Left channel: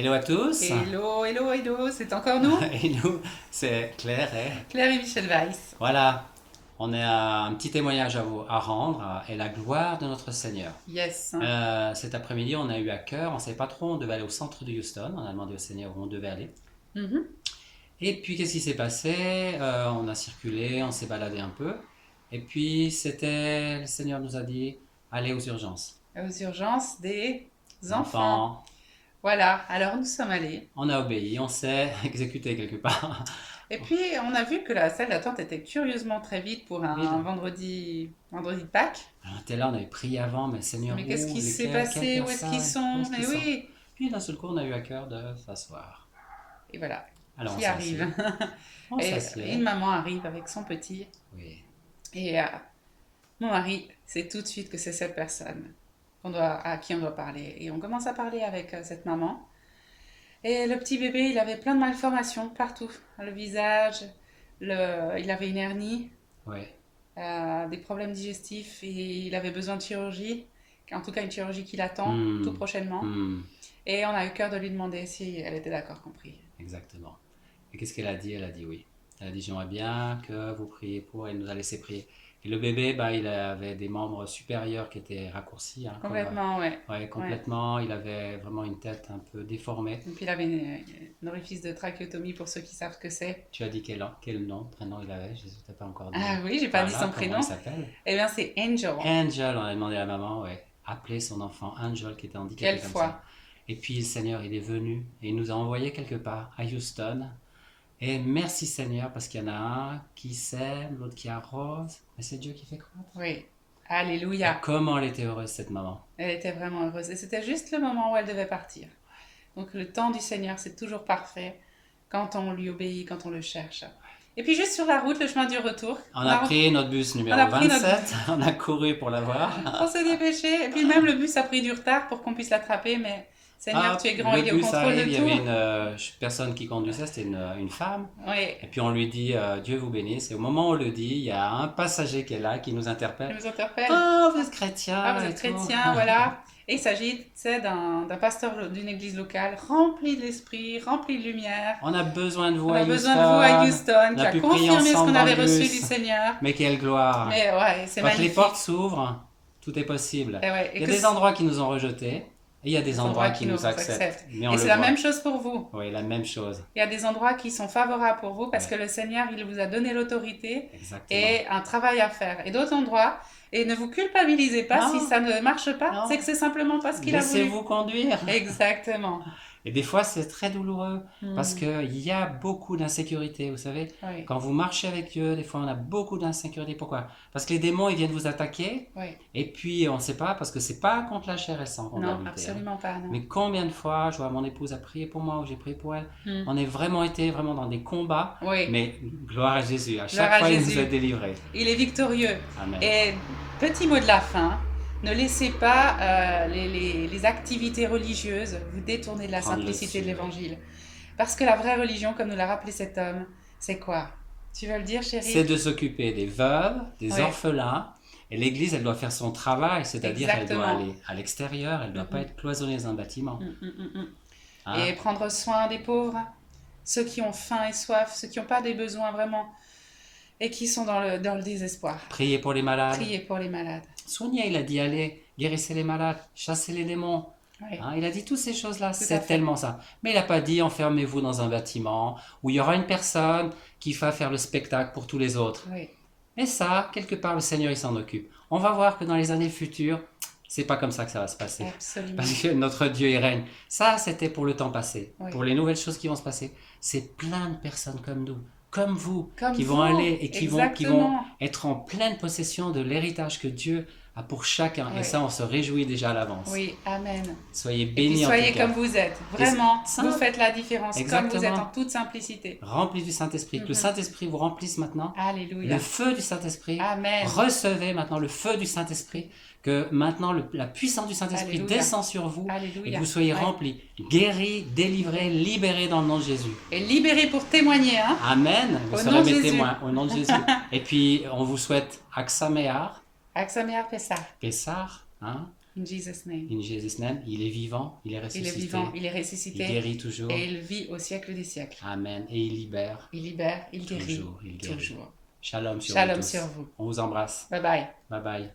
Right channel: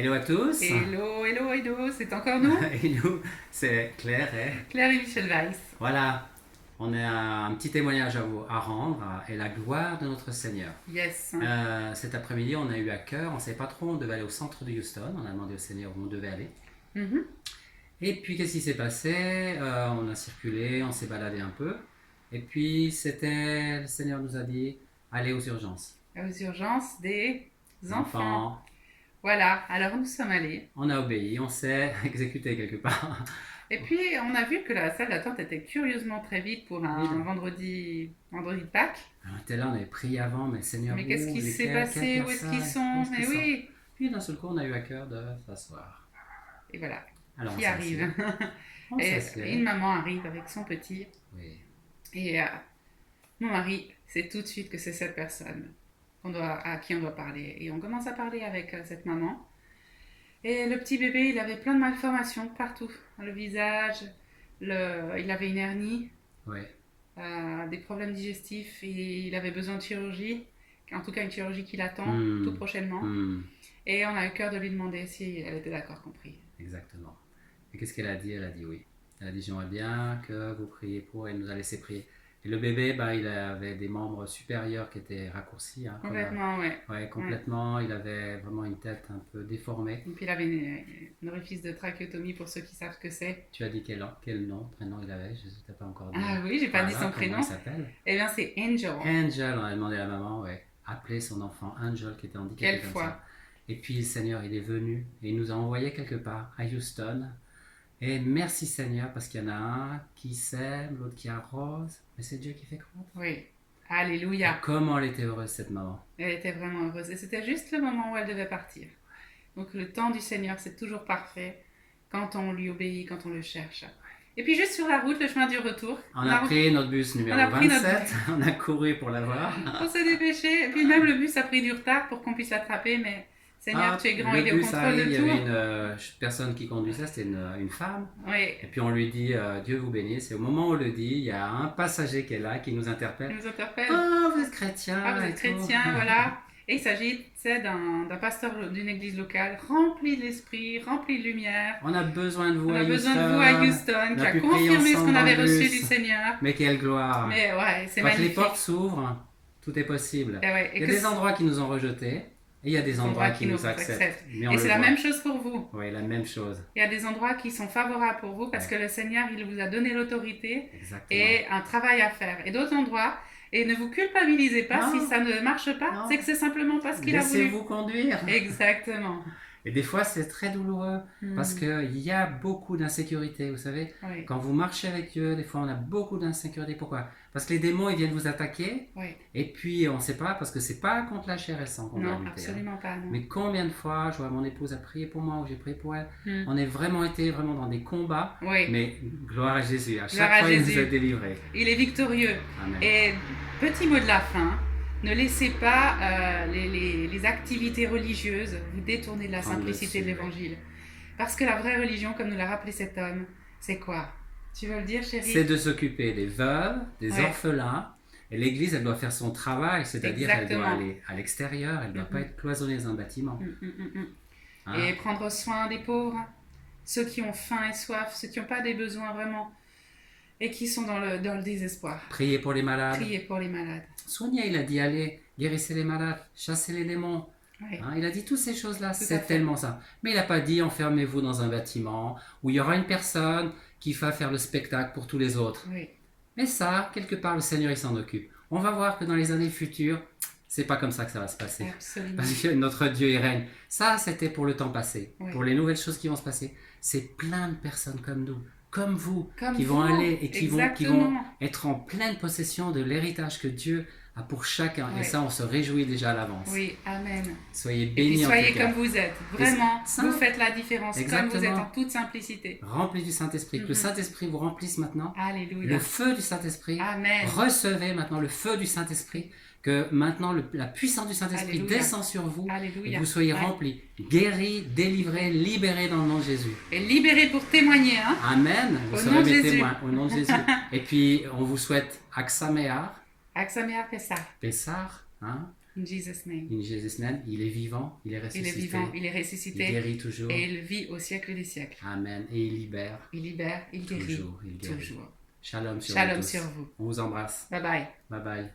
Hello à tous. Hello, hello, hello, c'est encore nous, Et nous, c'est Claire. Claire et Michel Weiss. Voilà, on a un petit témoignage à rendre et la gloire de notre Seigneur. Yes. Cet après-midi, on a eu à cœur, on ne savait pas trop, on devait aller au centre de Houston. On a demandé au Seigneur où on devait aller. Mhm. Et puis, qu'est-ce qui s'est passé? On a circulé, on s'est baladé un peu. Et puis, le Seigneur nous a dit, allez aux urgences. Aux urgences des enfants. Enfants. Voilà, alors nous sommes allés. On a obéi, on s'est exécuté quelque part. Et puis on a vu que la salle d'attente était curieusement très vide pour un Vide. vendredi de Pâques. Alors, on était là, on avait prié avant, mais Seigneur, Mais qu'est-ce qui s'est lesquels, passé? quelles Où est-ce qu'ils personnes, sont? Mais oui. Puis d'un seul coup, on a eu à cœur de s'asseoir. Et voilà, Alors on qui arrive? s'assied. On Et s'assied. une maman arrive avec son petit. Oui. Et mon mari sait tout de suite que c'est cette personne à qui on doit parler. Et on commence à parler avec cette maman. Et le petit bébé, il avait plein de malformations partout. Le visage, il avait une hernie, Oui. des problèmes digestifs et il avait besoin de chirurgie. En tout cas, une chirurgie qui l'attend tout prochainement. Et on a eu cœur de lui demander si elle était d'accord qu'on prie. Exactement. Et qu'est-ce qu'elle a dit? Elle a dit oui. Elle a dit j'aimerais bien que vous priez pour. Elle nous a laissé prier. Et le bébé, il avait des membres supérieurs qui étaient raccourcis. Complètement, oui. Oui, complètement. Ouais. Il avait vraiment une tête un peu déformée. Et puis il avait une orifice de trachéotomie pour ceux qui savent ce que c'est. Tu as dit quel nom, prénom il avait? Je ne t'ai pas encore dit. Ah oui, j'ai pas dit son prénom. Comment il s'appelle? Eh bien, c'est Angel. Angel, on a demandé à la maman, ouais, appeler son enfant Angel qui était handicapé. Quelle comme foi. ça. Et puis le Seigneur, il est venu et il nous a envoyés quelque part à Houston. Et merci Seigneur, parce qu'il y en a un qui sème, l'autre qui arrose, mais c'est Dieu qui fait croître. Oui, alléluia. Et comment elle était heureuse cette maman. Elle était vraiment heureuse. Et c'était juste le moment où elle devait partir. Donc le temps du Seigneur, c'est toujours parfait quand on lui obéit, quand on le cherche. Et puis juste sur la route, le chemin du retour. On a pris notre bus numéro 27, on a couru pour l'avoir. On s'est dépêché. Et puis même le bus a pris du retard pour qu'on puisse l'attraper, mais Seigneur, tu es grand, il est au contrôle de tout. Il y avait une personne qui conduisait, c'était une femme. Oui. Et puis on lui dit Dieu vous bénisse. Et au moment où on le dit, il y a un passager qui est là, qui nous interpelle. Il nous interpelle. Ah, vous êtes chrétien. Ah, vous êtes chrétien, voilà. Et il s'agit d'un pasteur d'une église locale rempli de l'esprit, rempli de lumière. On a besoin de vous à Houston. Qui a confirmé ce qu'on avait reçu du Seigneur. Mais quelle gloire. Mais ouais, c'est quand magnifique. Les portes s'ouvrent, tout est possible. Il y a des endroits qui nous ont rejetés. Et il y a des endroits qui nous acceptent. Et c'est la même chose pour vous. Oui, la même chose. Il y a des endroits qui sont favorables pour vous parce que le Seigneur, il vous a donné l'autorité et un travail à faire. Et d'autres endroits, et ne vous culpabilisez pas si ça ne marche pas, c'est que c'est simplement pas ce qu'il a voulu. Laissez-vous conduire. Exactement. Et des fois, c'est très douloureux parce qu'il y a beaucoup d'insécurité, vous savez. Oui. Quand vous marchez avec Dieu, des fois, on a beaucoup d'insécurité. Pourquoi? Parce que les démons, ils viennent vous attaquer. Oui. Et puis, on ne sait pas, parce que c'est pas contre la chair et le sang qu'on doit lutter. Non, absolument pas. Non. Mais combien de fois, je vois mon épouse a prié pour moi ou j'ai prié pour elle, on est vraiment été dans des combats. Oui. Mais gloire à Jésus, à chaque fois, il nous a délivrés. Il est victorieux. Amen. Et petit mot de la fin. Ne laissez pas les activités religieuses vous détourner de la simplicité de l'évangile. Parce que la vraie religion, comme nous l'a rappelé cet homme, c'est quoi? Tu veux le dire, chérie? C'est de s'occuper des veuves, des orphelins. Et l'Église, elle doit faire son travail, c'est-à-dire qu'elle doit aller à l'extérieur, elle ne doit pas être cloisonnée dans un bâtiment. Et prendre soin des pauvres, ceux qui ont faim et soif, ceux qui n'ont pas des besoins vraiment et qui sont dans le désespoir. Prier pour les malades. Prier pour les malades. Soignez, il a dit, allez, guérissez les malades, chassez les démons. Oui. Il a dit toutes ces choses-là, c'est tellement ça. Mais il n'a pas dit, enfermez-vous dans un bâtiment où il y aura une personne qui va faire le spectacle pour tous les autres. Oui. Mais ça, quelque part, le Seigneur, il s'en occupe. On va voir que dans les années futures, c'est pas comme ça que ça va se passer. Absolument. Parce que notre Dieu, il règne. Ça, c'était pour le temps passé. Oui. Pour les nouvelles choses qui vont se passer. C'est plein de personnes comme nous, comme vous, qui vont aller et qui vont être en pleine possession de l'héritage que Dieu a pour chacun. Oui. Et ça, on se réjouit déjà à l'avance. Oui, amen. Soyez bénis en tout cas. Soyez comme vous êtes. Vraiment, vous faites la différence. Exactement. Comme vous êtes en toute simplicité. Remplis du Saint-Esprit. Que le Saint-Esprit vous remplisse maintenant. Alléluia. Le feu du Saint-Esprit. Amen. Recevez maintenant le feu du Saint-Esprit. Que maintenant la puissance du Saint-Esprit descend sur vous. Alléluia. Et que vous soyez remplis, guéris, délivrés, libérés dans le nom de Jésus. Et libérés pour témoigner. Hein? Amen. Vous serez mes témoins au nom de Jésus. Et puis, on vous souhaite Aksamear. Aksamear Pessar. Pessar. Hein? In Jesus' name. In Jesus' name. Il est vivant, il est ressuscité. Il est vivant, il est ressuscité. Il guérit toujours. Et il vit au siècle des siècles. Amen. Et il libère. Il libère, il guérit. Toujours, il guérit. Toujours. Shalom sur Shalom vous tous. sur vous. On vous embrasse. Bye bye. Bye bye.